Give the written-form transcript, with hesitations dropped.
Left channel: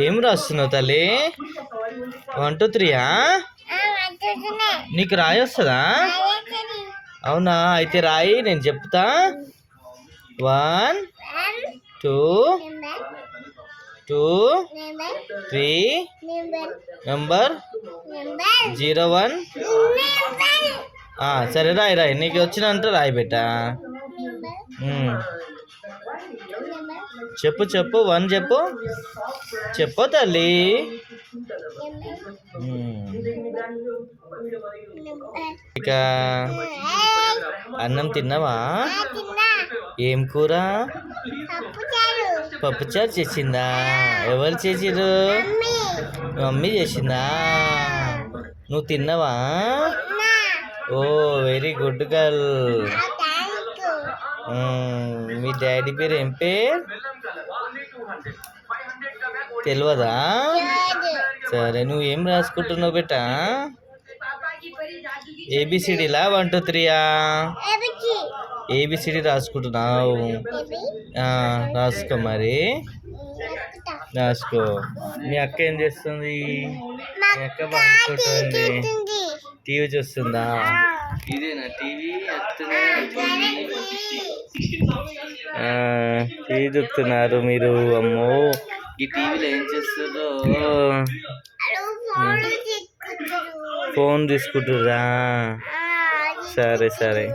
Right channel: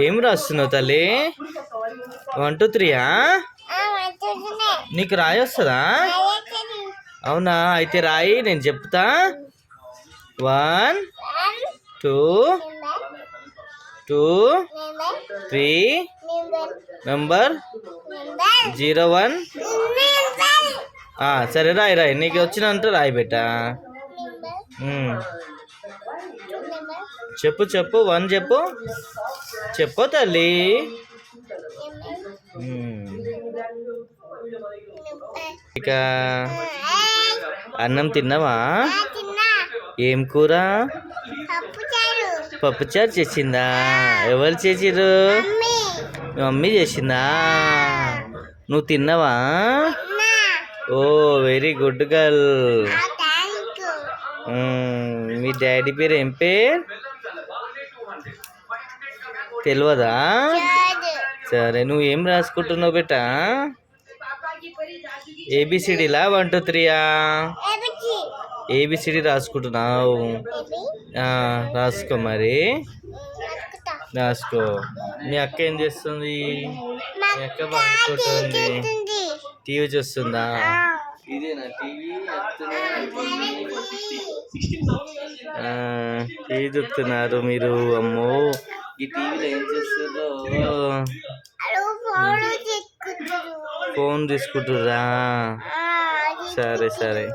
ఏం రాస్తున్నావు తల్లి? 1 2 3 నీకు రాయి వస్తుందా? అవునా? అయితే రాయి, నేను చెప్తా. 1 2 2 3 నెంబర్ 01. సరే రాయి రాయి, నీకు వచ్చినంత రాయి బెట్టా. చెప్పు చెప్పు, 1 చెప్పు. చెప్పు తల్లి. ఇక అన్నం తిన్నావా? ఏం కూర? పప్పుచారు చేసిందా? ఎవరు చేసిర్రు? మమ్మీ చేసిందా? నువ్వు తిన్నావా? ఓ వెరీ గుడ్ గర్ల్. మీ డాడీ పేరు ఏం పేరు? తెలియదా? సరే, నువ్వు ఏం రాసుకుంటున్నావు బెట్టా? ఏబిసిడిలా 1 2 3 ఏబిసిడి రాసుకుంటున్నావు? రాసుకో మరి, రాసుకో. మీ అక్క ఏం చేస్తుంది? మీ అక్క మాట్లాడుతుంది. టీవీ చూస్తుందా? ఇదేనా టీవీ? టీవీ చూస్తున్నారు మీరు? అమ్మో, ఈ టీవీలో ఏం చేస్తుందో? ఫోన్ చూసుకుంటురా? సరే సరే.